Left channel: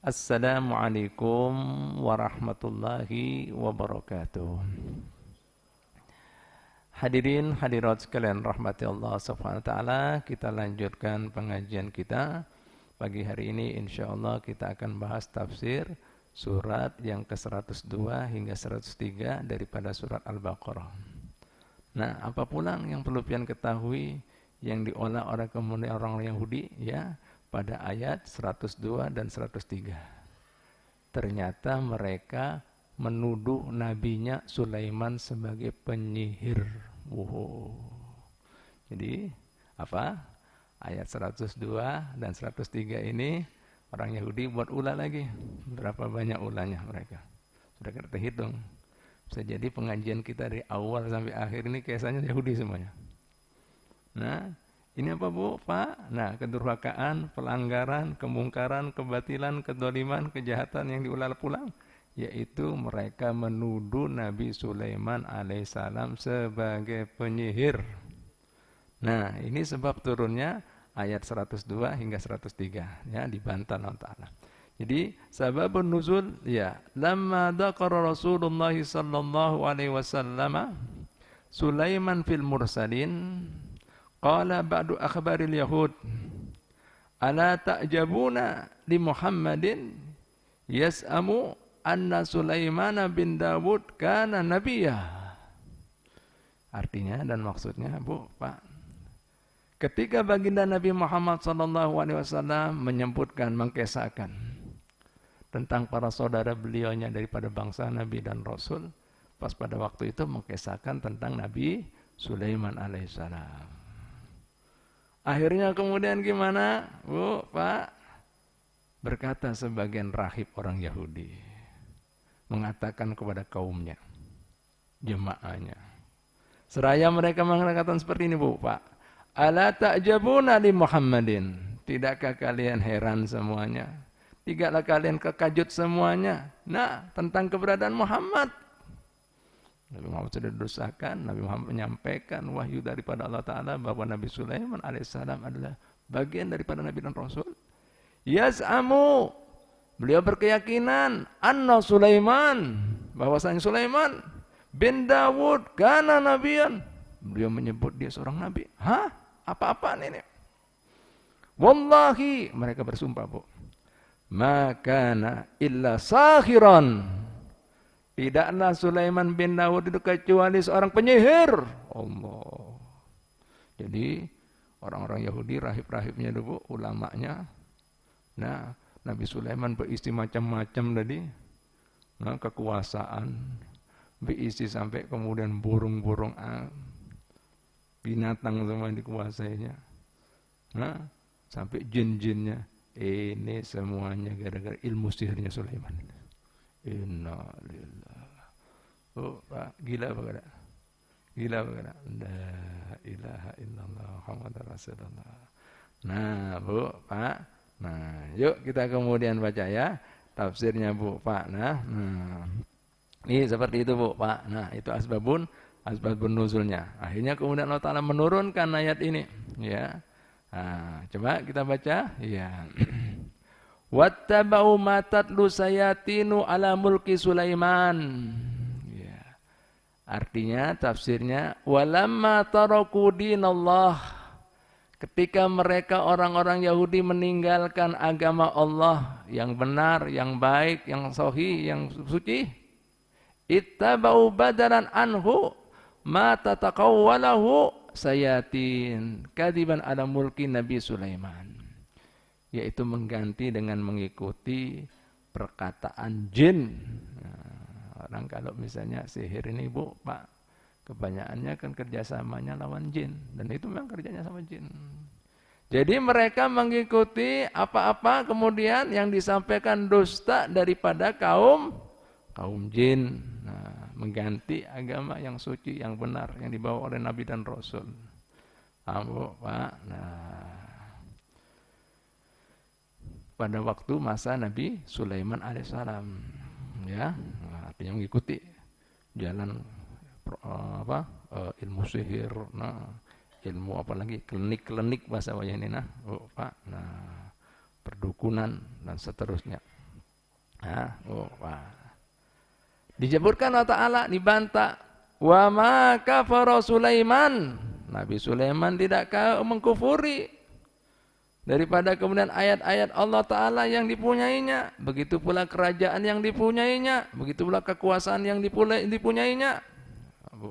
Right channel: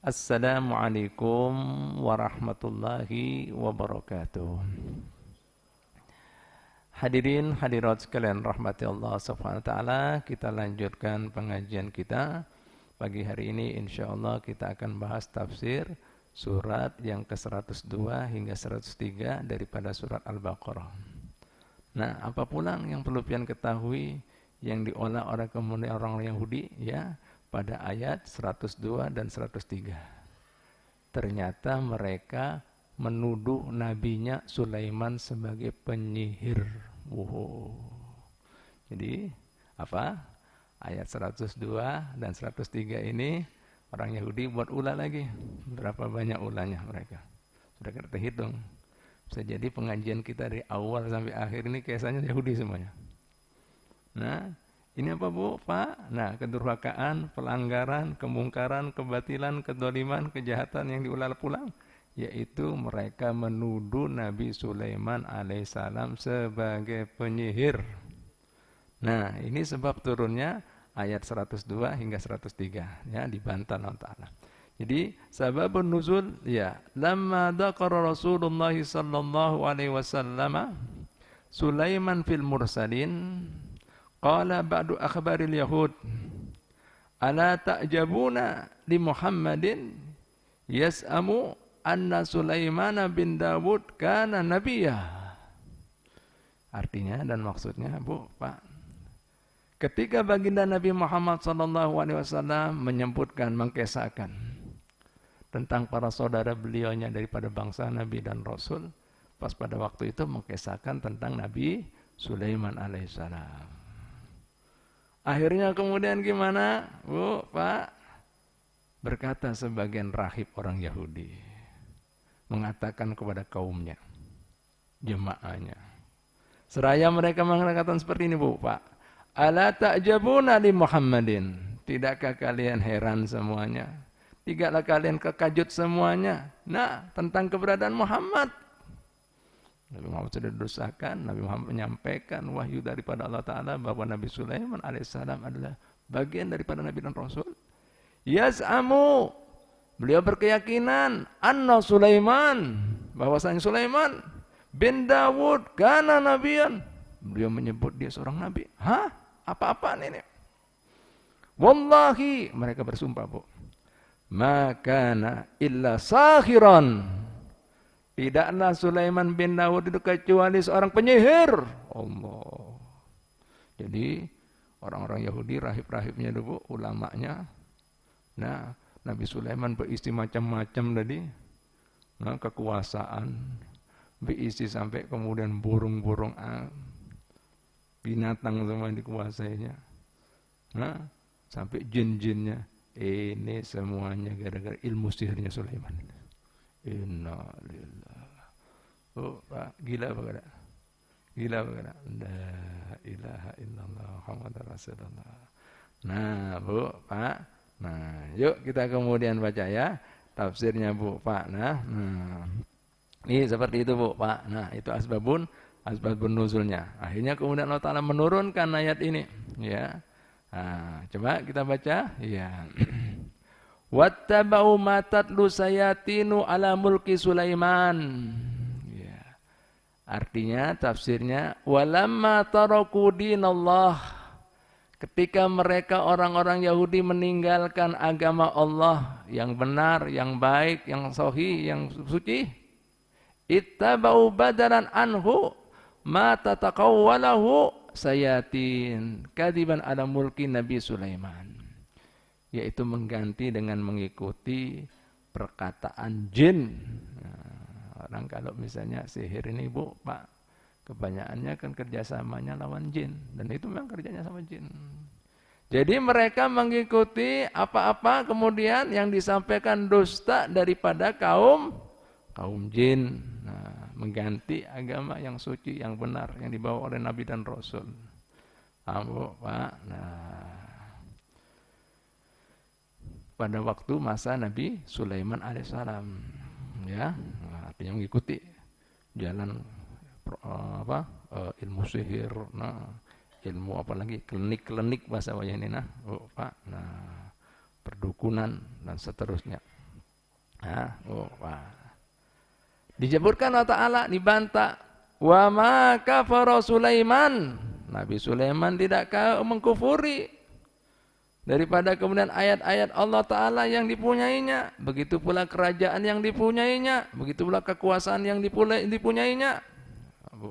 Assalamualaikum warahmatullahi wabarakatuh. Hadirin hadirat sekalian rahmati Allah Subhanahu wa taala, kita lanjutkan pengajian kita. Pagi hari ini insyaallah kita akan bahas tafsir surat yang ke-102 hingga 103 daripada surat Al-Baqarah. Nah, apa pula yang perlu pian ketahui yang diolah oleh kemudian orang Yahudi ya pada ayat 102 dan 103. Ternyata mereka menuduh nabinya Sulaiman sebagai penyihir. Wow. Jadi apa? Ayat 102 dan 103 ini orang Yahudi buat ulah lagi. Berapa banyak ulahnya mereka? Sudah kita hitung. Bisa jadi pengajian kita dari awal sampai akhir ini kisahnya Yahudi semuanya. Nah, ini apa Bu, Pak? Nah, kedurhakaan, pelanggaran, kemungkaran, kebatilan, kedoliman, kejahatan yang diulang pulang, yaitu mereka menuduh Nabi Sulaiman alaihissalam sebagai penyihir. Nah, ini sebab turunnya ayat 102 hingga 103 ya, dibantah Allah Ta'ala. Jadi sababun nuzul ya, lamma dzakara Rasulullah sallallahu alaihi wasallam Sulaiman fil mursalin qala ba'du akhbaril yahud ala ta'jabuna li Muhammadin yas'amu anna Sulaiman bin Dawud kana nabiyya. Artinya dan maksudnya Bu, Pak, ketika baginda Nabi Muhammad SAW menyebutkan, mengkisahkan tentang para saudara beliaunya daripada bangsa Nabi dan Rasul, pas pada waktu itu mengkisahkan tentang Nabi Sulaiman alaihissalam. Akhirnya kemudian gimana, Bu, Pak? Berkata sebagian rahib orang Yahudi, mengatakan kepada kaumnya, jemaahnya, seraya mereka mengatakan seperti ini, Bu, Pak. Ala ta'jabuna li Muhammadin. Tidakkah kalian heran semuanya? Tidaklah kalian kekajut semuanya? Nah, tentang keberadaan Muhammad. Nabi Muhammad sudah didosakan, Nabi Muhammad menyampaikan wahyu daripada Allah Ta'ala bahwa Nabi Sulaiman alaihissalam adalah bagian daripada Nabi dan Rasul. Yaz'amu, beliau berkeyakinan, anna Sulaiman, bahwasanya Sulaiman bin Dawud kana nabiyan. Beliau menyebut dia seorang nabi. Hah? Apa-apaan ini? Wallahi, mereka bersumpah, Bu. Makana illa sahiran. Tidaklah Sulaiman bin Dawud itu kecuali seorang penyihir. Allah. Jadi orang-orang Yahudi, rahib-rahibnya dulu, ulamanya. Nah, Nabi Sulaiman berisi macam-macam tadi. Nah, kekuasaan. Berisi sampai kemudian burung-burung, binatang semua dikuasainya. Nah, sampai jin-jinnya. Ini semuanya gara-gara ilmu sihirnya Sulaiman. Innalillah. Oh, Pak, gila apa enggak? Gila apa enggak? La ilaha illallah Muhammadur Rasulullah. Nah, Bu, Pak. Nah, yuk kita kemudian baca ya tafsirnya, Bu, Pak. Nah, ini seperti itu, Bu, Pak. Nah, itu asbabun nuzulnya. Akhirnya kemudian Allah Ta'ala menurunkan ayat ini, ya. Nah, coba kita baca, ya. Wattaba'u ma tatlu sayatinu ala mulki Sulaiman. Ya. Artinya tafsirnya walamma taraku dinallah, ketika mereka orang-orang Yahudi meninggalkan agama Allah yang benar, yang baik, yang sahih, yang suci, ittaba'u badalan anhu ma tataqawwalahu sayatin kadiban ala mulki Nabi Sulaiman, yaitu mengganti dengan mengikuti perkataan jin. Nah, orang kalau misalnya sihir ini, Bu, Pak, kebanyakannya kan kerjasamanya lawan jin, dan itu memang kerjanya sama jin. Jadi mereka mengikuti apa-apa kemudian yang disampaikan dusta daripada kaum jin. Nah, mengganti agama yang suci, yang benar, yang dibawa oleh Nabi dan Rasul. Bu, Pak. Nah, pada waktu masa Nabi Sulaiman alaihissalam, ya, artinya mengikuti jalan ilmu sihir, nah, ilmu apalagi klinik bahasa wayang ini, nah, Pak, nah, perdukunan dan seterusnya. Nah, Dijeburkan Allah Ta'ala, dibantah. Wa ma kafara Sulaiman. Nabi Sulaiman tidak mengkufuri. Daripada kemudian ayat-ayat Allah Ta'ala yang dipunyainya. Begitu pula kerajaan yang dipunyainya. Begitu pula kekuasaan yang dipunyainya.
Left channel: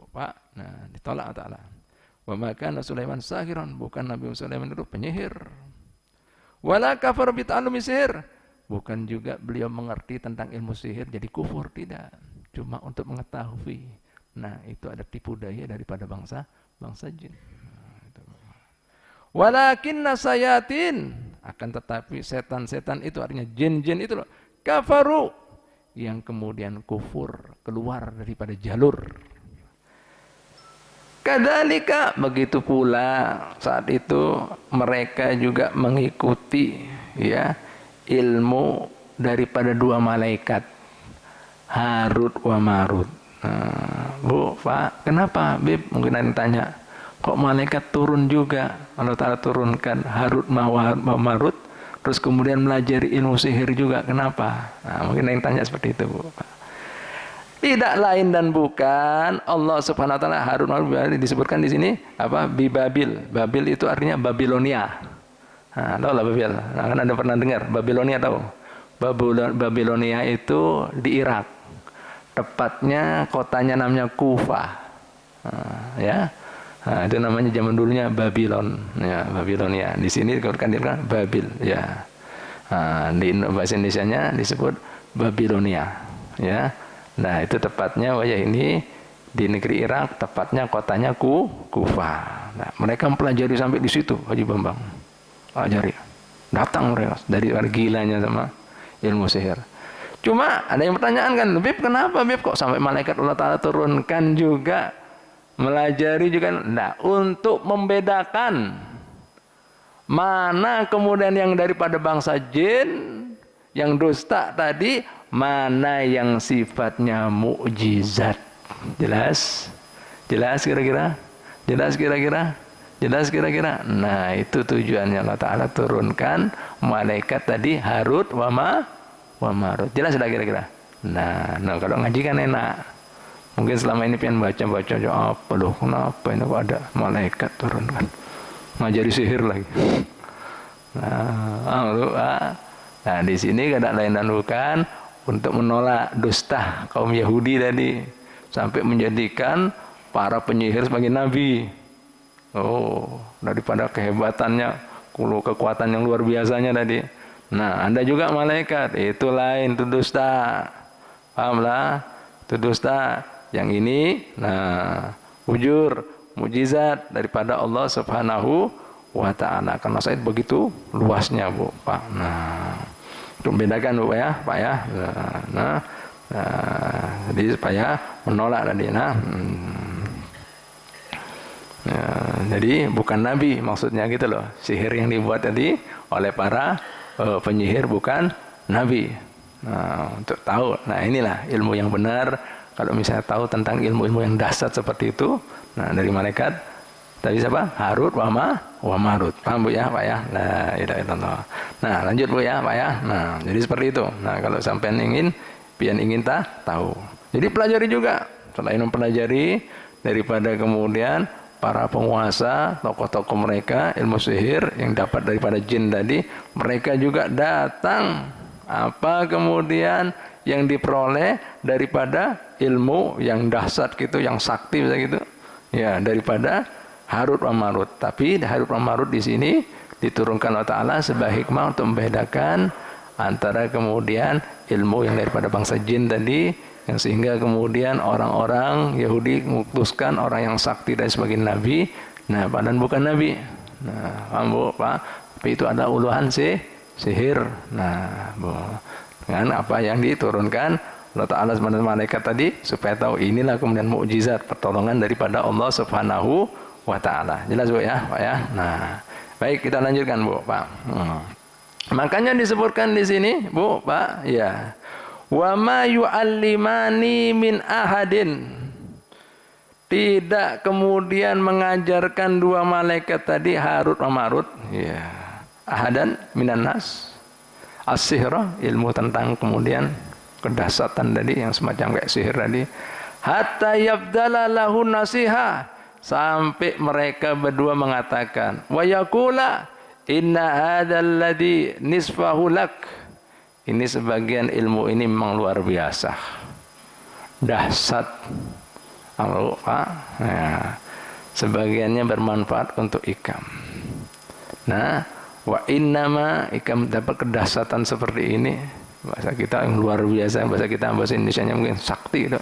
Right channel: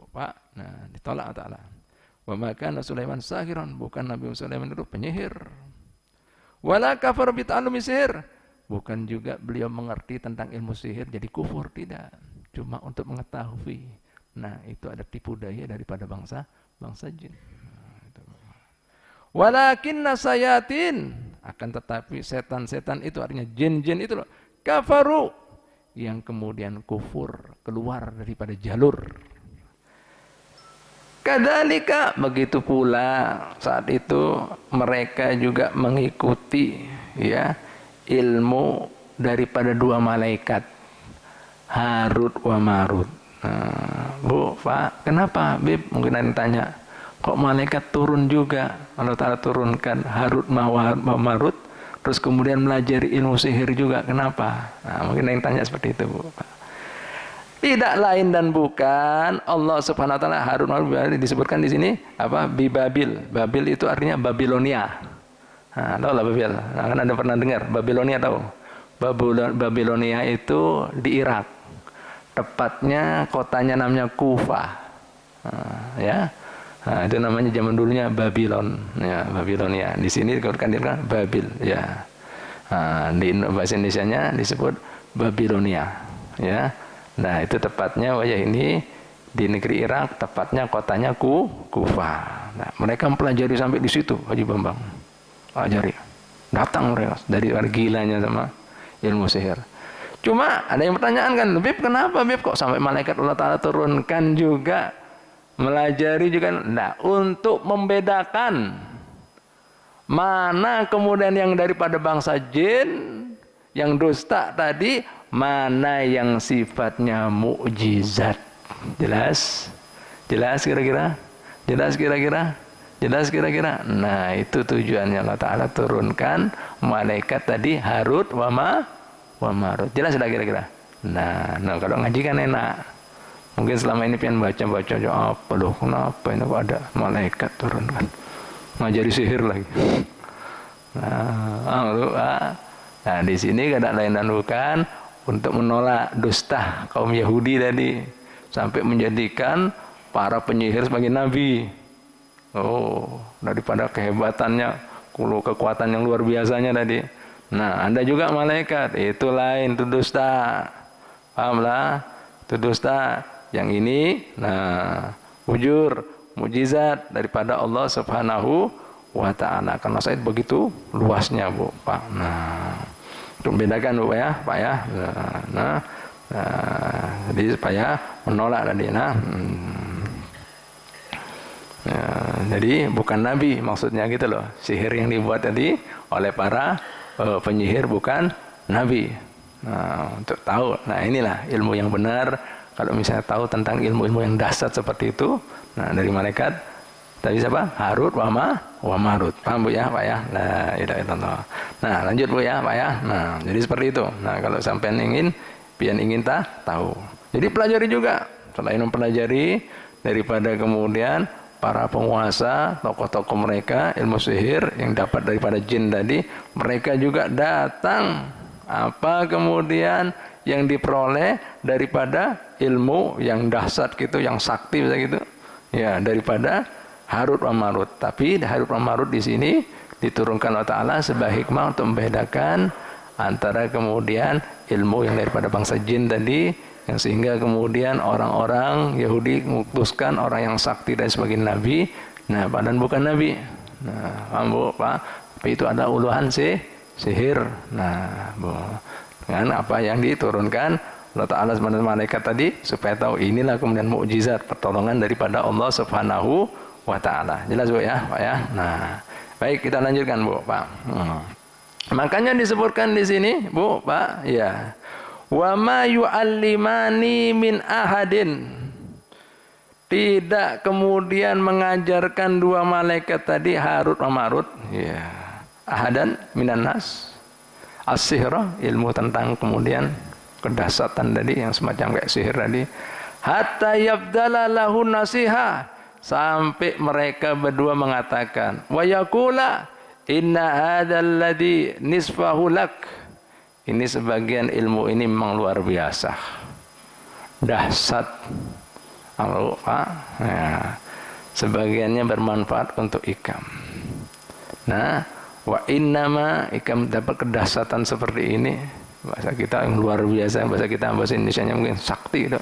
Pak, nah ditolak Allah Ta'ala. Wa ma kana Sulaiman sahiran. Bukan Nabi Sulaiman itu penyihir. Wala kafar bita'allumi sihir. Bukan juga beliau mengerti tentang ilmu sihir jadi kufur, tidak. Cuma untuk mengetahui. Nah, itu ada tipu daya daripada bangsa jin. Walakinna sayatin, akan tetapi setan-setan itu artinya jin-jin itu loh, kafaru, yang kemudian kufur, keluar daripada jalur. Kadzalika, begitu pula saat itu mereka juga mengikuti ya ilmu daripada dua malaikat Harut wa Marut. Nah, Bu, Pak, kenapa Bib? Mungkin ada yang tanya, kok malaikat turun juga? Allah Ta'ala turunkan Harut wa Marut, terus kemudian melajari ilmu sihir juga, kenapa? Nah, mungkin ada yang tanya seperti itu, Bu, Pak. Tidak lain dan bukan Allah Subhanahu wa taala Harut wa Marut disebutkan di sini apa? Bibabil. Babil itu artinya Babilonia. Nah, tahu lah Babil. Nah, kan ada pernah dengar Babilonia, tahu? Babilonia itu di Irak. Tepatnya kotanya namanya Kufah. Ya. Nah, itu namanya zaman dulunya Babylon, ya, Babilonia. Di sini dikatakan Babil, ya. Nah, di bahasa Indonesianya disebut Babilonia, ya. Nah, itu tepatnya ini di negeri Irak, tepatnya kotanya Kufah. Nah, mereka mempelajari sampai di situ, Haji Bambang. Pelajari. Datang mereka dari gilanya sama ilmu sihir. Cuma ada yang pertanyaan kan, Bib, kenapa Bib kok sampai malaikat Allah Ta'ala turunkan juga, melajari juga? Nah, untuk membedakan mana kemudian yang daripada bangsa jin, yang dusta tadi, mana yang sifatnya mukjizat. Jelas? Jelas kira-kira? Jelas kira-kira? Jelas kira-kira? Nah, itu tujuannya Allah Ta'ala turunkan malaikat tadi Harut wa Marut. Jelas sudah kira-kira? Nah, kalau ngaji kan enak. Mungkin selama ini pengen baca-baca apa loh, kenapa ini kok ada malaikat turun kan? Ngajari sihir lagi. Nah, di sini kada lain dan bukan untuk menolak dusta kaum Yahudi tadi sampai menjadikan para penyihir sebagai nabi. Daripada kehebatannya, kekuatan yang luar biasanya tadi. Nah, Anda juga malaikat, itu lain, itu dusta. Pahamlah? Itu dusta. Yang ini, nah, ujur, mukjizat daripada Allah Subhanahu wa Ta'ala. Karena saya begitu luasnya, Bu, Pak. Nah, untuk membedakan, Bu, ya, Pak, ya. Jadi supaya menolak tadi. Jadi bukan nabi maksudnya gitu loh. Sihir yang dibuat tadi oleh para penyihir bukan nabi. Nah, untuk tahu, nah inilah ilmu yang benar. Kalau misalnya tahu tentang ilmu-ilmu yang dahsyat seperti itu, nah dari malaikat tadi siapa? Harut wa Marut. Paham, Bu, ya, Pak, ya? La ilaha illallah. Nah, lanjut, Bu, ya, Pak, ya. Nah, jadi seperti itu. Nah, kalau sampai ingin tahu. Jadi pelajari juga. Selain mempelajari daripada kemudian para penguasa, tokoh-tokoh mereka, ilmu sihir yang dapat daripada jin tadi, mereka juga datang apa kemudian yang diperoleh daripada ilmu yang dahsyat gitu, yang sakti gitu. Ya, daripada Harut wa Marut. Tapi Harut wa Marut di sini diturunkan Allah Ta'ala sebagai hikmah untuk membedakan antara kemudian ilmu yang daripada bangsa jin tadi, yang sehingga kemudian orang-orang Yahudi mengutuskan orang yang sakti dan sebagai nabi. Nah, padahal bukan nabi. Nah, paham, Bu, Pak? Tapi itu ada uluhan sihir. Nah, Bu, dengan apa yang diturunkan Allah Ta'ala sebagai malaikat tadi supaya tahu inilah kemudian mukjizat pertolongan daripada Allah Subhanahu wa Ta'ala. Jelas, Bu, ya, Pak, ya? Nah, baik, kita lanjutkan, Bu, Pak. Makanya disebutkan di sini, Bu, Pak, ya. Wa ma yu'allimani min ahadin. Tidak kemudian mengajarkan dua malaikat tadi Harut wa Marut, ya. Ahadan minan nas. as-sihra, ilmu tentang kemudian kedahsyatan tadi yang semacam kayak sihir tadi. Hatta yabdala lahu nasiha, sampai mereka berdua mengatakan, wa yaqula inna hadzal ladzi nisfahu lak. Ini sebagian ilmu ini memang luar biasa, dahsyat. Pak, ya, sebagiannya bermanfaat untuk ikam. Nah, wa innama ikam dapat kedahsyatan seperti ini. Bahasa kita yang luar biasa, bahasa kita bahasa Indonesianya mungkin sakti itu.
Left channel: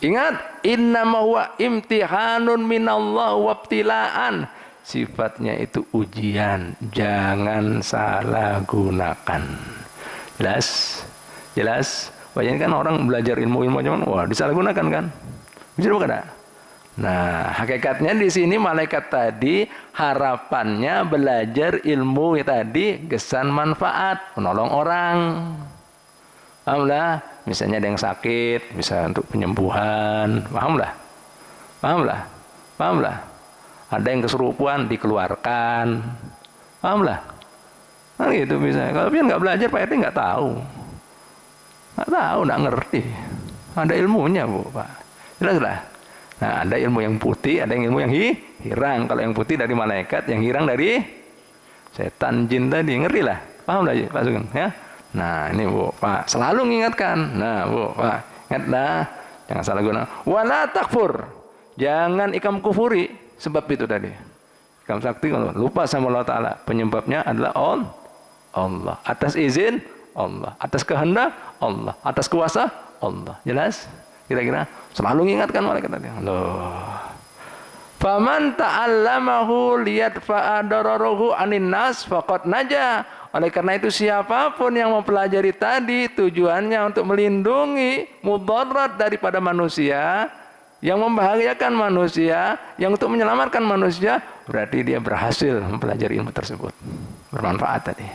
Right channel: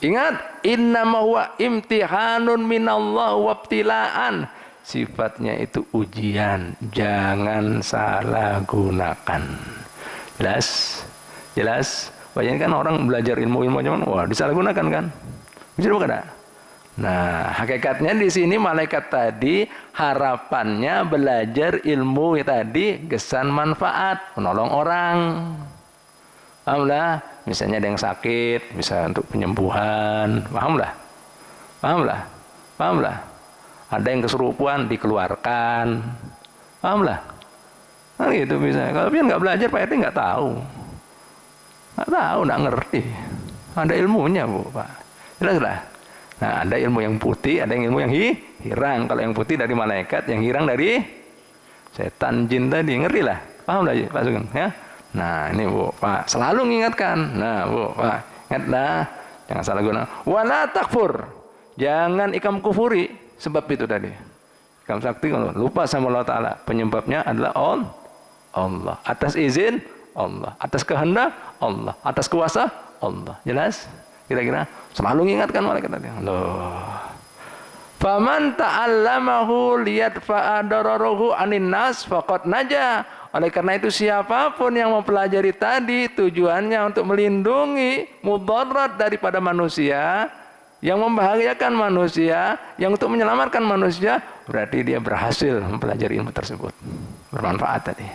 Ingat, innama huwa imtihanun minallah wabtilaan. Sifatnya itu ujian, jangan salah gunakan. Jelas? Jelas? Banyak kan orang belajar ilmu-ilmu cuman wah disalahgunakan kan? Bisa bukan ada? Nah, hakikatnya di sini malaikat tadi harapannya belajar ilmu tadi kesan manfaat, menolong orang. Pahamlah? Misalnya ada yang sakit, bisa untuk penyembuhan, pahamlah? Pahamlah? Pahamlah? Ada yang kesurupan dikeluarkan, pahamlah? Nah gitu bisa. Kalau dia nggak belajar, Pak RT nggak tahu, nggak ngerti. Ada ilmunya Bu, Pak. Jelas lah. Nah, ada ilmu yang putih, ada yang ilmu yang hirang. Kalau yang putih dari malaikat, yang hirang dari setan jin tadi, ngerti lah? Paham lah Pak Sugeng? Ya. Nah ini Bu, Pak, selalu mengingatkan. Nah Bu, Pak, ingatlah, jangan salah guna. Wala takfur, jangan ikam kufuri. Sebab itu tadi, ikam sakti kalau lupa sama Allah Ta'ala, penyebabnya adalah Allah. Atas izin Allah, atas kehendak Allah, atas kuasa Allah. Jelas? Kira-kira selalu mengingatkan malaikat tadi. Loh. Faman ta'allamahu liyadfa'a dararahu anin nas faqad naja. Oleh karena itu siapapun yang mempelajari tadi tujuannya untuk melindungi mudarat daripada manusia, yang membahayakan manusia, yang untuk menyelamatkan manusia, berarti dia berhasil mempelajari ilmu tersebut. Bermanfaat tadi.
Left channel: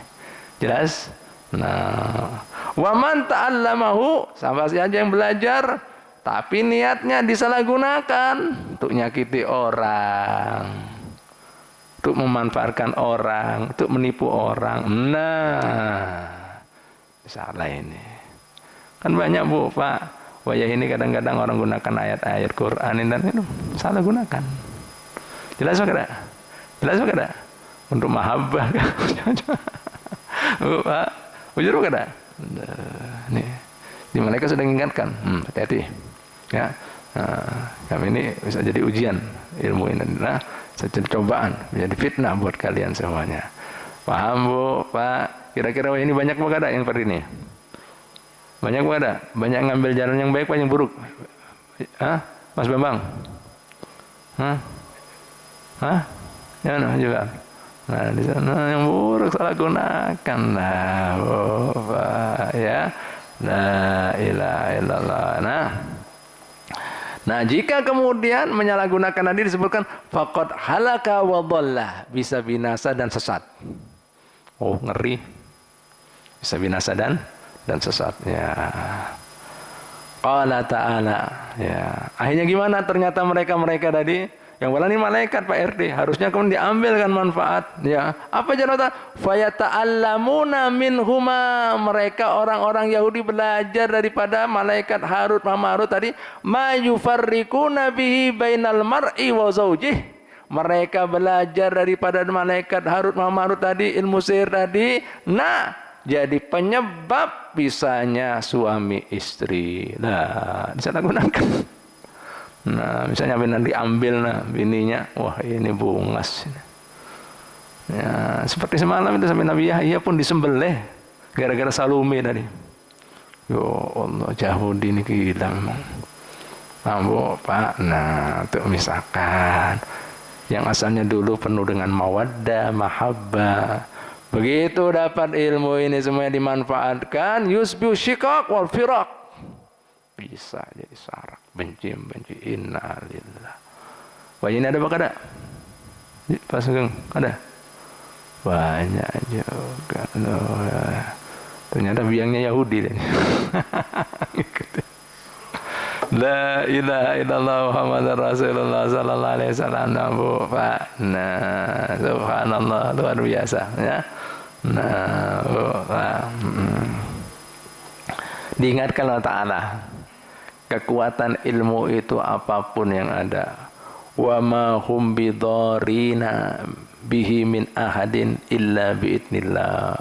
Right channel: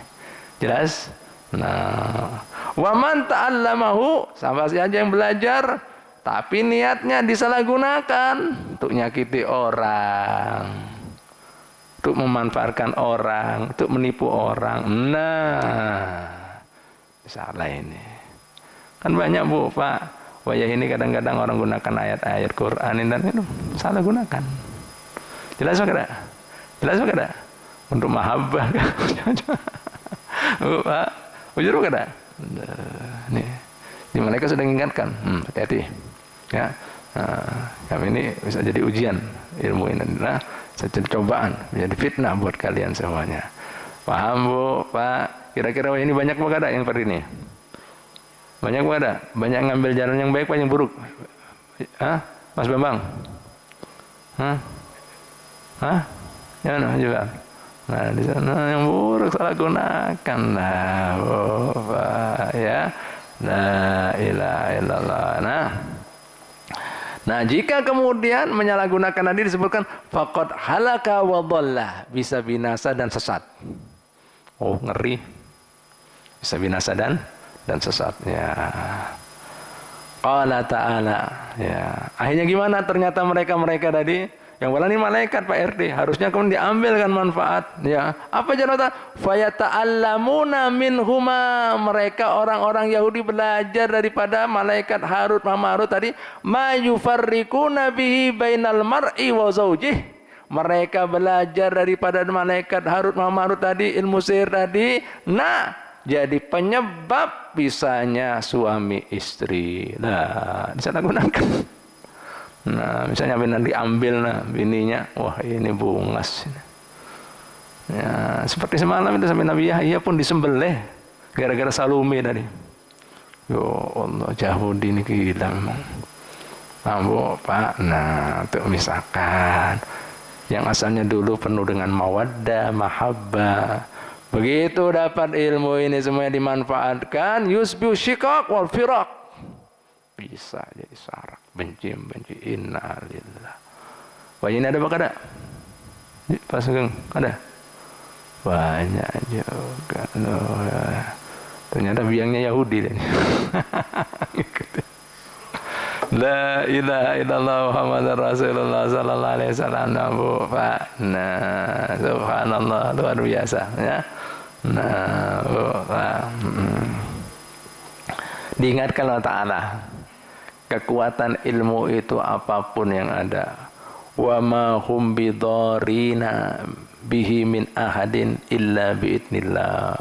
Jelas? Nah, wa man ta'allamahu, sama saja yang belajar tapi niatnya disalahgunakan untuk nyakiti orang, untuk memanfaatkan orang, untuk menipu orang. Nah, salah ini. Kan banyak Bu, Pak. Wayah ini kadang-kadang orang gunakan ayat-ayat Quran dan itu salah gunakan. Jelas enggak? Jelas enggak? Untuk mahabbah. Bu, Pak. Ujur enggak? Nih. Di malaikat sudah mengingatkan. Hati-hati. Ya. Nah, kami ini bisa jadi ujian ilmu ini. Nah, jadi cobaan, menjadi fitnah buat kalian semuanya. Paham Bu, Pak? Kira-kira ini banyak apa ada yang seperti ini? Banyak apa ada? Banyak ngambil jalan yang baik, apa yang buruk? Hah? Mas Bambang? Hah? Hah? Jangan juga. Nah, di sana yang buruk salah gunakan. Nah, Bu, Pak, ya. La ilaha illallah. Nah, jika kemudian menyalahgunakan tadi disebutkan faqad halaka wa dhalla, bisa binasa dan sesat. Oh, ngeri. Bisa binasa dan sesat. Ya. Qala ta'ala, ya. Akhirnya gimana ternyata mereka tadi yang walani malaikat Pak RT, harusnya kemudian diambilkan manfaat, ya. Apa jawab? Fayata'allamuna minhuma, mereka orang-orang Yahudi belajar daripada malaikat Harut Marut tadi, ma yufarriquna bihi bainal mar'i wa zaujih. Mereka belajar daripada malaikat Harut Marut tadi, ilmu sihir tadi. Nah, jadi penyebab bisanya suami istri. Nah, disalahgunakan. Nah, misalnya benar diambil bininya, wah ini bungas. Ya, seperti semalam itu sampai Nabi Yahya pun disembelih gara-gara Salome tadi. Yo Allah, Yahudi ini gila memang. Mampu Pak, nah untuk misalkan yang asalnya dulu penuh dengan mawaddah, mahabbah, begitu dapat ilmu ini semuanya dimanfaatkan, yusbihu syiqaq wal firaq, bisa jadi sarak, benci innalillah. Wah ini ada apa kada? Pak Sugeng ada? Banyak juga loh. Ternyata biangnya Yahudi deh. La ilaha illallah Muhammadar Rasulullah sallallahu alaihi wasallam. Bu Pak. Nah, subhanallah luar biasa ya. Nah, diingatkan Allah Ta'ala, kekuatan ilmu itu apapun yang ada, wa ma hum bidarina bihi min ahadin illa biidnillah.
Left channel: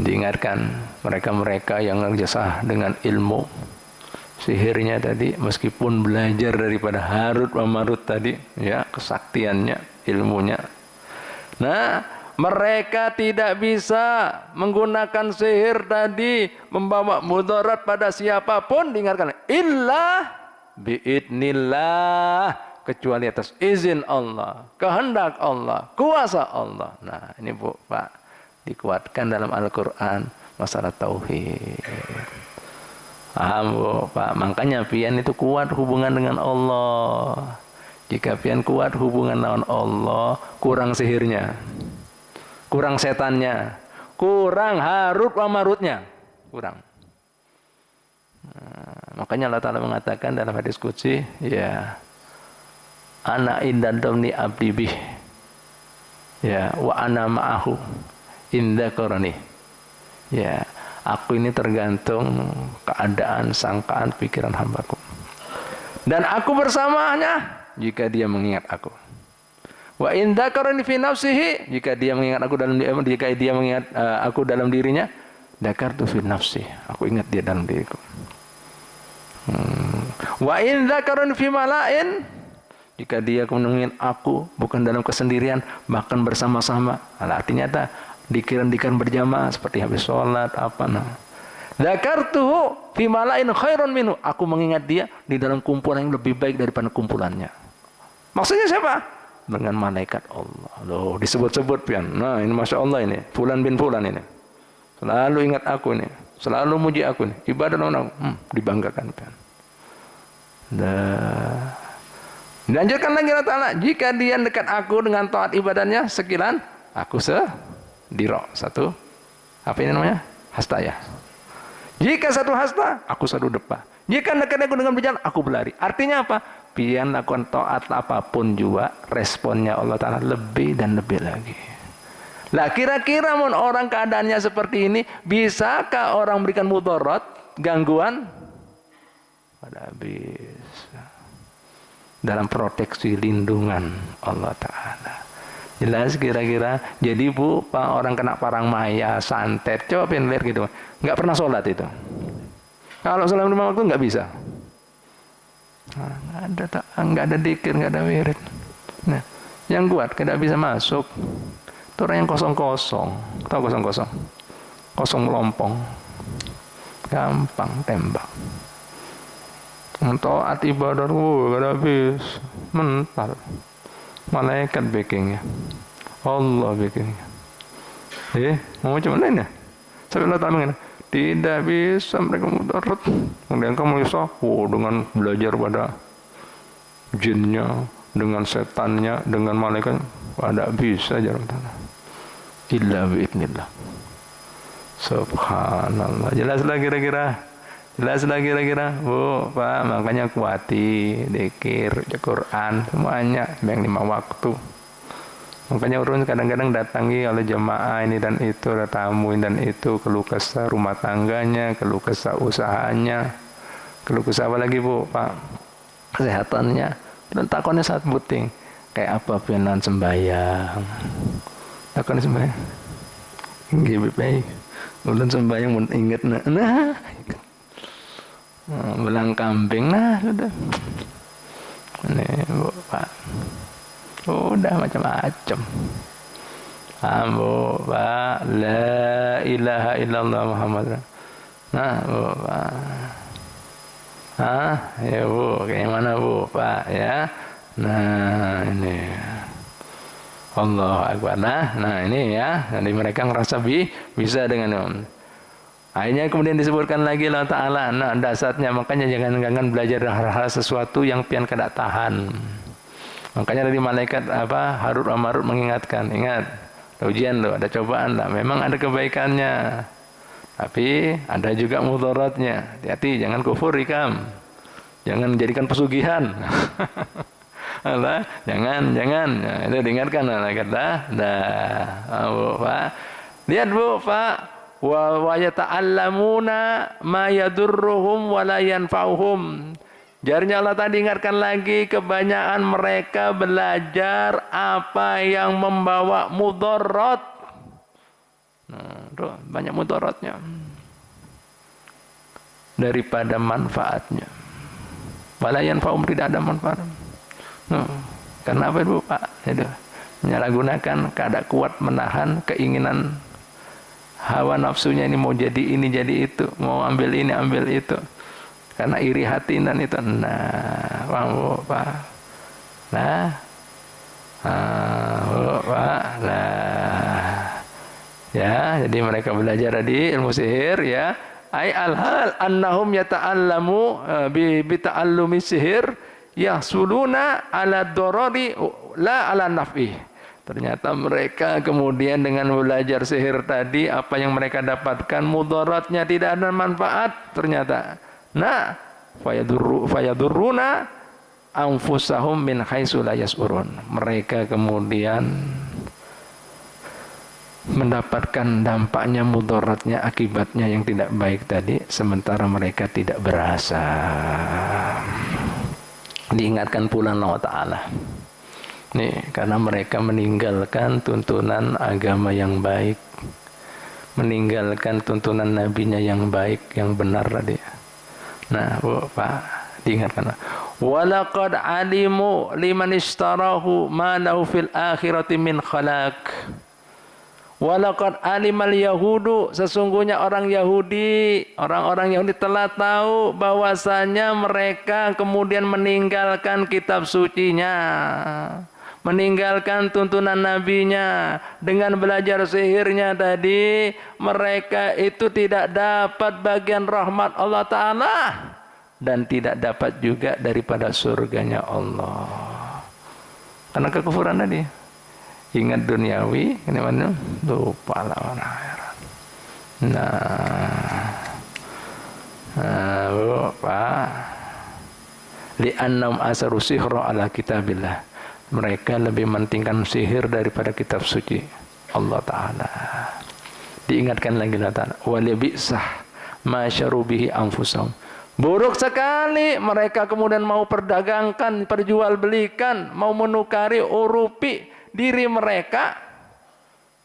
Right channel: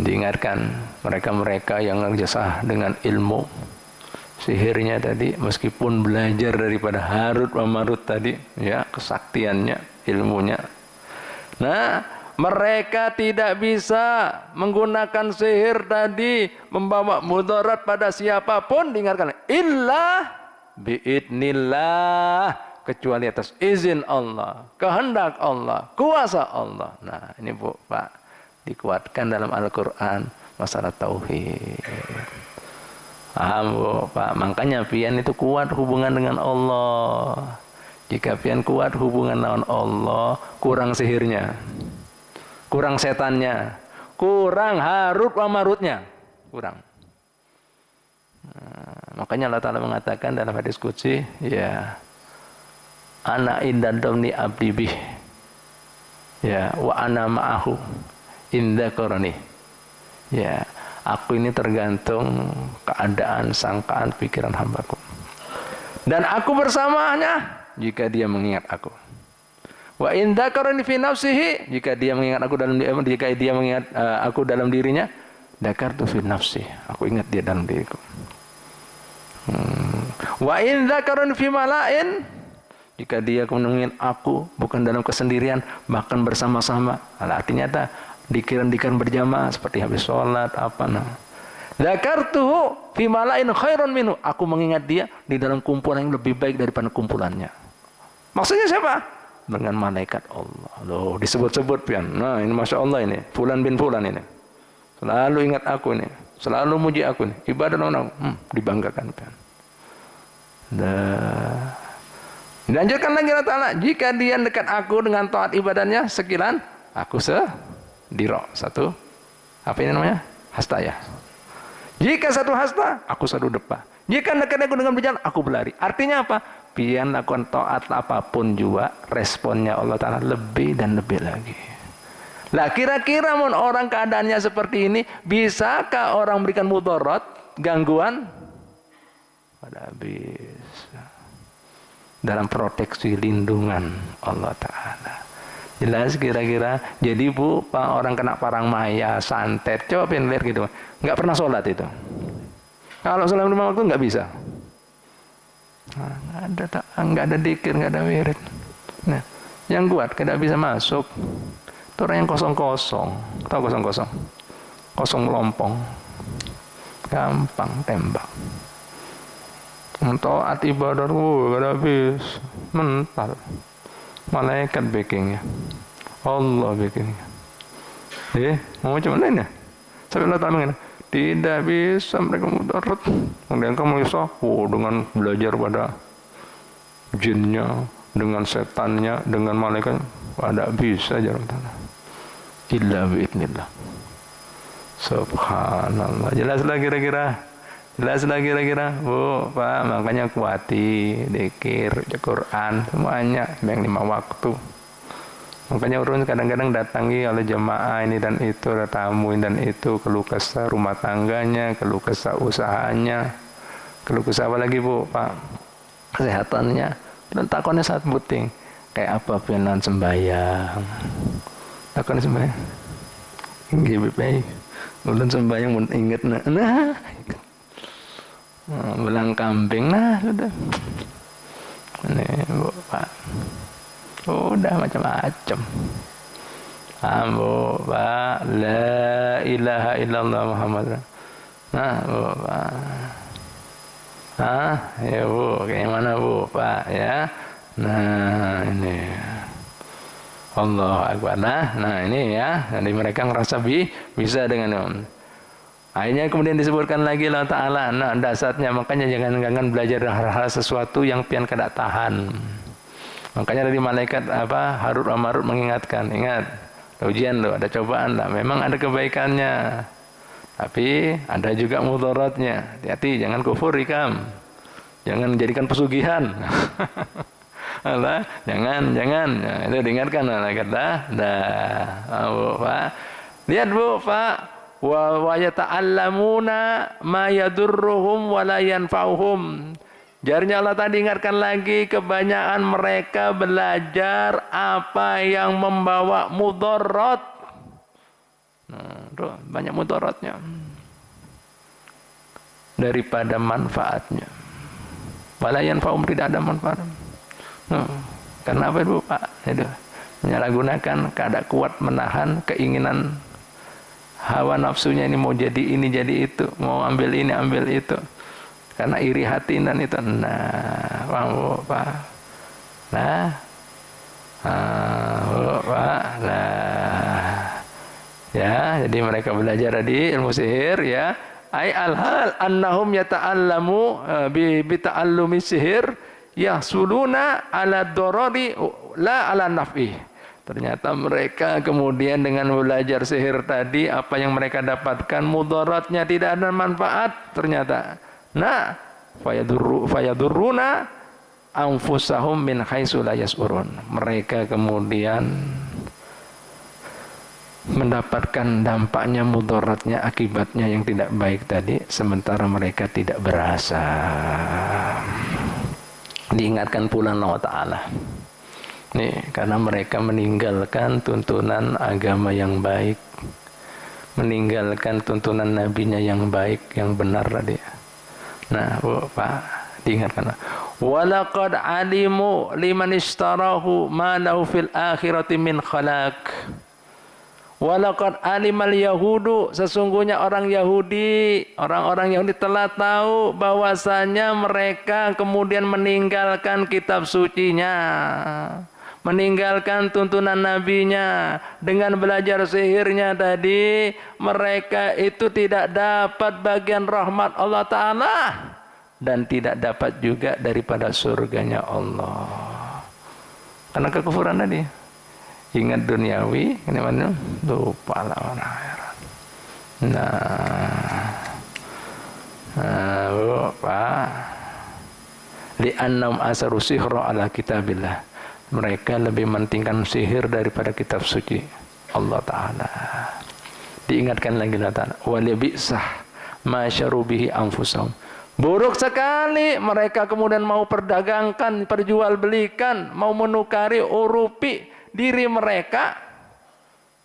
Diingatkan mereka-mereka yang jasah dengan ilmu sihirnya tadi, meskipun belajar daripada Harut wa Marut tadi, ya, kesaktiannya, ilmunya. Nah, mereka tidak bisa menggunakan sihir tadi membawa mudarat pada siapapun, diingatkan illa biidnillah, kecuali atas izin Allah, kehendak Allah, kuasa Allah. Nah, ini Bu, Pak, dikuatkan dalam Al-Quran masalah tauhid. Paham Bu, Pak? Makanya pian itu kuat hubungan dengan Allah. Jika pian kuat hubungan dengan Allah, kurang sihirnya, kurang setannya, kurang Harut wa Marutnya, kurang. Nah, makanya Allah Ta'ala mengatakan dalam hadis qudsi, ya, ana inda dhamni abdi bih, ya, wa ana ma'ahu inda qarani. Ya, aku ini tergantung keadaan, sangkaan, pikiran hambaku. Dan aku bersamanya jika dia mengingat aku. Wa in dzakarani fi nafsihi, jika dia mengingat aku dalam aku dalam dirinya, dzakartu fi nafsi, aku ingat dia dalam diriku. Wa in dzakarani fi mala'in, jika dia mengingat aku bukan dalam kesendirian, bahkan bersama-sama. Nah, artinya dikir-dikir berjamaah seperti habis sholat apa nah. Dzakartuhu fi mala'in khairan minhu, aku mengingat dia di dalam kumpulan yang lebih baik daripada kumpulannya. Maksudnya siapa? Dengan malaikat Allah. Loh, disebut-sebut pian. Nah, ini Masya Allah ini, Fulan bin Fulan ini. Selalu ingat aku ini, selalu muji aku ini. Ibadah orang dibanggakan pian. Dilanjutkan lagi Allah Ta'ala, jika dia dekat aku dengan taat ibadahnya sekilan, aku sediro. Satu, apa ini namanya? Hasta ya. Jika satu hasta, aku satu depa. Jika dekat aku dengan berjalan, aku berlari. Artinya apa? Pian lakukan taat apapun juga, responnya Allah Ta'ala lebih dan lebih lagi. Lah kira-kira mun orang keadaannya seperti ini, bisakah orang memberikan mudarat, gangguan? Pada habis. Dalam proteksi lindungan Allah Ta'ala. Jelas kira-kira. Jadi Bu, Pak, orang kena parang maya, santet, coba pengen lihat gitu. Nggak pernah sholat itu. Kalau sholat 5 waktu nggak bisa. Nah, nggak ada dikir, nggak ada wirid. Nah, yang kuat tidak bisa masuk. Itu orang yang kosong-kosong. Tahu kosong-kosong? Kosong melompong. Gampang tembak. Taat ibadah, gak ada habis. Mental. Malaikat backingnya. Allah backingnya. Mau macam mana ya? Sampai Allah Ta'ala tidak bisa mereka mudarat. Kemudian kamu bisa dengan belajar pada jinnya, dengan setannya, dengan malaikat, ada bisa jalan tanah. Illa bi'idnillah. Subhanallah. Jelas lagi kira-kira. Bu, Pak, makanya kuati dzikir, Quran, semuanya yang 5 waktu. Makanya urun kadang-kadang datangi oleh jemaah ini dan itu, ada tamu dan itu, keluh kesah rumah tangganya, keluh kesah usahanya, keluh kesah apa lagi Bu, Pak? Kesehatannya. Dan takonnya sangat penting. Kayak apa pianan sembahyang? Takon sembahyang. Nggih baik. Ulun sembahyang mun inget nah. Belang kambing nah sudah. Ini Bu, Pak. Udah macam-macam. Bu, Pak, la ilaha illallah Muhammad. Nah, Bu, Pak. Ya Bu, kayak mana Bu, Pak, ya. Nah, ini. Allah Akbar. Nah, ini ya. Jadi mereka ngerasa bisa dengan akhirnya kemudian disebutkan lagi Allah Ta'ala. Nah, dasarnya makanya jangan belajar hal-hal sesuatu yang pian kada tahan. Makanya dari malaikat Harut wa Marut mengingatkan, ingat, ujian loh, ada cobaan lah, memang ada kebaikannya, tapi ada juga mudaratnya. Hati-hati, jangan kufur ikam, jangan menjadikan pesugihan. Allah, jangan. Nah, itu diingatkan Allah kata. Bu, Pak. Lihat Bu, Pak. Wa yata'allamuna ma yadurruhum wa la yanfa'uhum. Jarnya Allah tadi ingatkan lagi, kebanyakan mereka belajar apa yang membawa mudarat. Nah, tuh, banyak mudaratnya daripada manfaatnya. Wala yanfa'um, tidak ada manfaat. Karena apa itu Pak? Itu menyalahgunakan keadaan kuat menahan keinginan hawa nafsunya, ini mau jadi ini jadi itu, mau ambil ini ambil itu, karena iri hati dan itu. Nah, Pak. Nah, Pak. Nah, ya, jadi mereka belajar di ilmu sihir, ya. Ai al-hal annahum yata'allamu bi ta'allumi sihir yahsuluna ala dorori la ala naf'i. Ternyata mereka kemudian dengan belajar sihir tadi, apa yang mereka dapatkan mudaratnya, tidak ada manfaat ternyata. Nah, fayadurruna anfusahum min haitsu la yash'urun. Mereka kemudian mendapatkan dampaknya, mudaratnya, akibatnya yang tidak baik tadi, sementara mereka tidak berasa. Diingatkan pula Allah Ta'ala. Nih, karena mereka meninggalkan tuntunan agama yang baik, meninggalkan tuntunan nabinya yang baik, yang benar tadi. Nah, Bu, Pak, diingatkan. Walaqad alimu liman ishtarahu ma lahu fil akhirati min khalaq. Walaqad alimal yahudu, sesungguhnya orang Yahudi telah tahu bahwasanya mereka kemudian meninggalkan kitab sucinya, meninggalkan tuntunan nabinya, dengan belajar sihirnya tadi, mereka itu tidak dapat bagian rahmat Allah Ta'ala dan tidak dapat juga daripada surganya Allah, karena kekufuran tadi. Ingat duniawi, ini mana? Lupa lawan akhirat. Pak. Li'annam asaru sihra ala kitabillah. Mereka lebih mementingkan sihir daripada kitab suci Allah Ta'ala. Diingatkan lagi Allah Ta'ala. Walibi'sah ma syarubihi anfusahum. Buruk sekali mereka kemudian mau perdagangkan, perjualbelikan, mau menukari urupi diri mereka,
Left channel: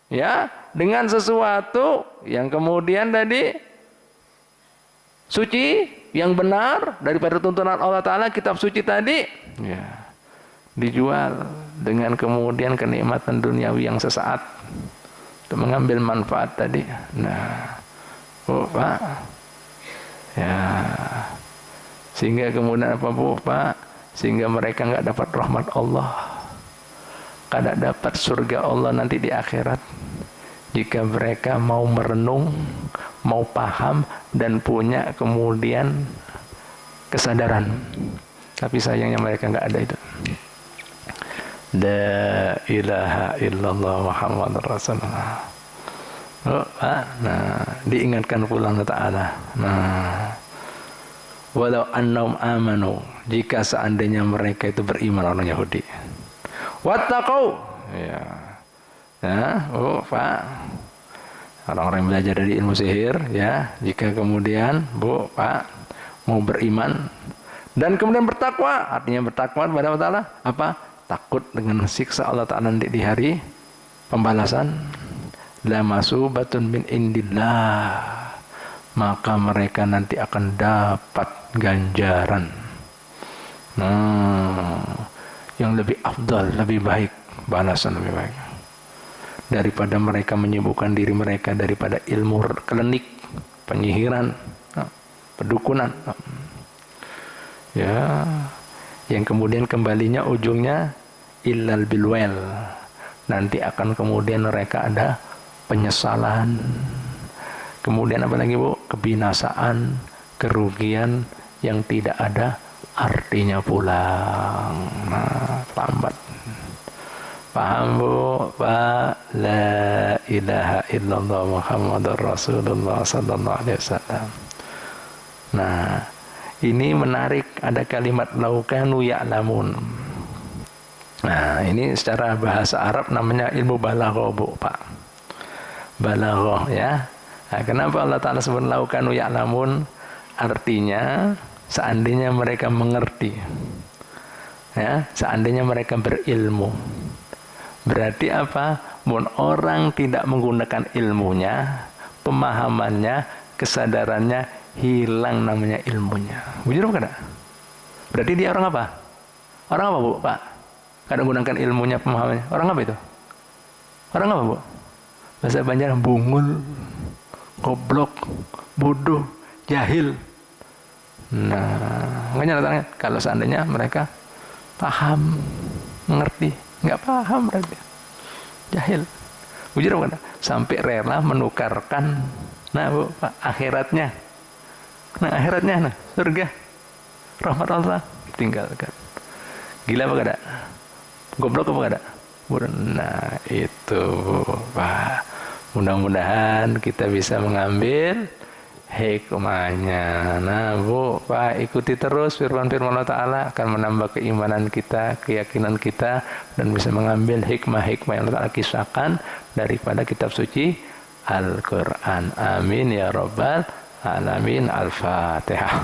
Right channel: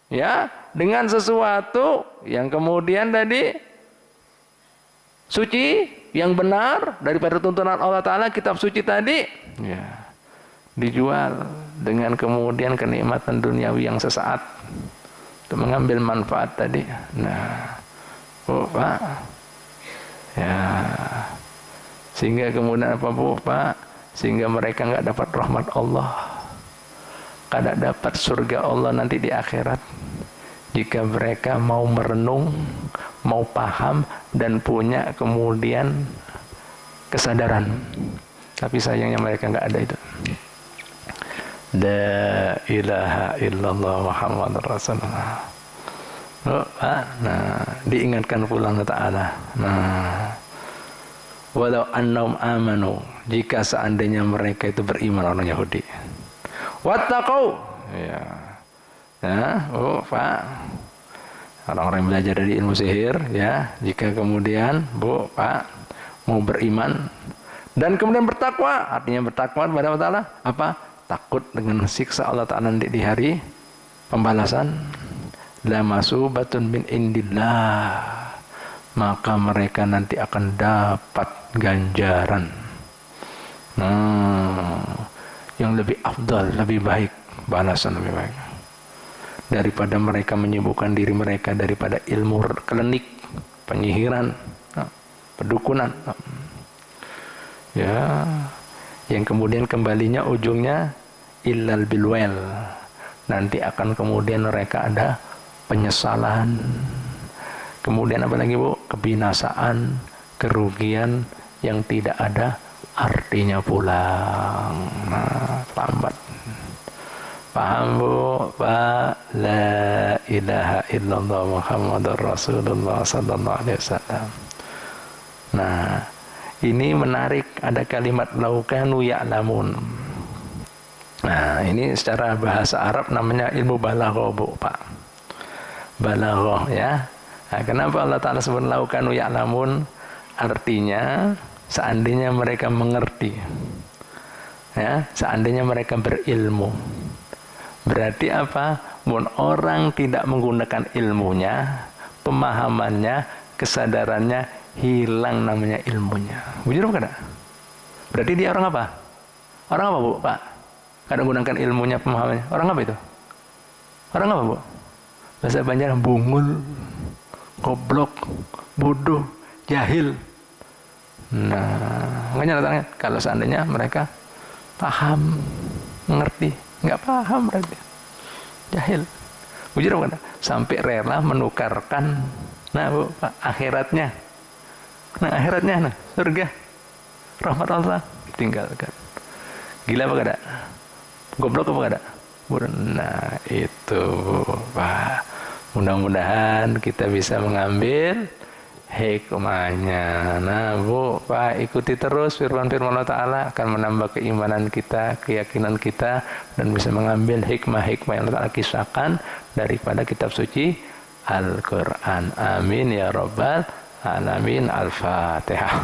ya, dengan sesuatu yang kemudian tadi suci, yang benar daripada tuntunan Allah Ta'ala, kitab suci tadi, ya, dijual dengan kemudian kenikmatan duniawi yang sesaat untuk mengambil manfaat tadi. Nah, Pak, ya, sehingga kemudian apa Pak? Sehingga mereka nggak dapat rahmat Allah, kada dapat surga Allah nanti di akhirat, jika mereka mau merenung, mau paham, dan punya kemudian kesadaran. Tapi sayangnya mereka nggak ada itu. La ilaha illallah Muhammadur Rasulullah. Nah, diingatkan pula Allah Ta'ala. Nah, walau annahum amanu, jika seandainya mereka itu beriman, orang Yahudi, wattaqau, ya, Pak, orang-orang yang belajar dari ilmu sihir, ya, jika kemudian Pak mau beriman dan kemudian bertakwa, artinya bertakwa kepada Allah Ta'ala, apa? Takut dengan siksa Allah Ta'ala di hari pembalasan. La masubatun min indillah, maka mereka nanti akan dapat ganjaran yang lebih afdal, lebih baik, balasan lebih baik daripada mereka menyibukkan diri mereka daripada ilmu klinik, penyihiran, pedukunan, ya, yang kemudian kembalinya ujungnya illal bilwel, nanti akan kemudian mereka ada penyesalan, kemudian apa lagi Bu? Kebinasaan, kerugian yang tidak ada artinya pulang. Nah, lambat. Paham Bu? Pak, la ilaha illallah Muhammadur Rasulullah sallallahu alaihi wasallam. Nah, ini menarik, ada kalimat laukanu ya'lamun. Nah, ini secara bahasa Arab namanya ilmu balaghah, Bu, Pak. Balaghah ya. Nah, kenapa Allah Ta'ala sebut laukanu ya'lamun? Artinya seandainya mereka mengerti, ya, seandainya mereka berilmu. Berarti apa? Mun orang tidak menggunakan ilmunya, pemahamannya, kesadarannya, hilang namanya ilmunya. Bujur apa enggak? Berarti dia orang apa? Orang apa, Bu, Pak? Kadang gunakan ilmunya, pemahamannya. Orang apa itu? Orang apa, Bu? Bahasa Banjar bungul, goblok, bodoh, jahil. Nah, makanya datangnya kalau seandainya mereka paham, mengerti, nggak paham berarti jahil. Bujur apa? Sampai rela menukarkan, nah, Bu, Pak, akhiratnya. Nah, akhiratnya, nah, surga, rahmat Allah, tinggalkan. Gila apa kada? Goblok apa kada? Nah, itu, Pak. Mudah-mudahan kita bisa mengambil hikmahnya. Nah, Bu, Pak, ikuti terus firman-firman Allah Ta'ala, akan menambah keimanan kita, keyakinan kita, dan bisa mengambil hikmah-hikmah yang Allah Ta'ala kisahkan daripada kitab suci Al-Quran. Amin ya Rabbal Alamin. Al-Fatihah.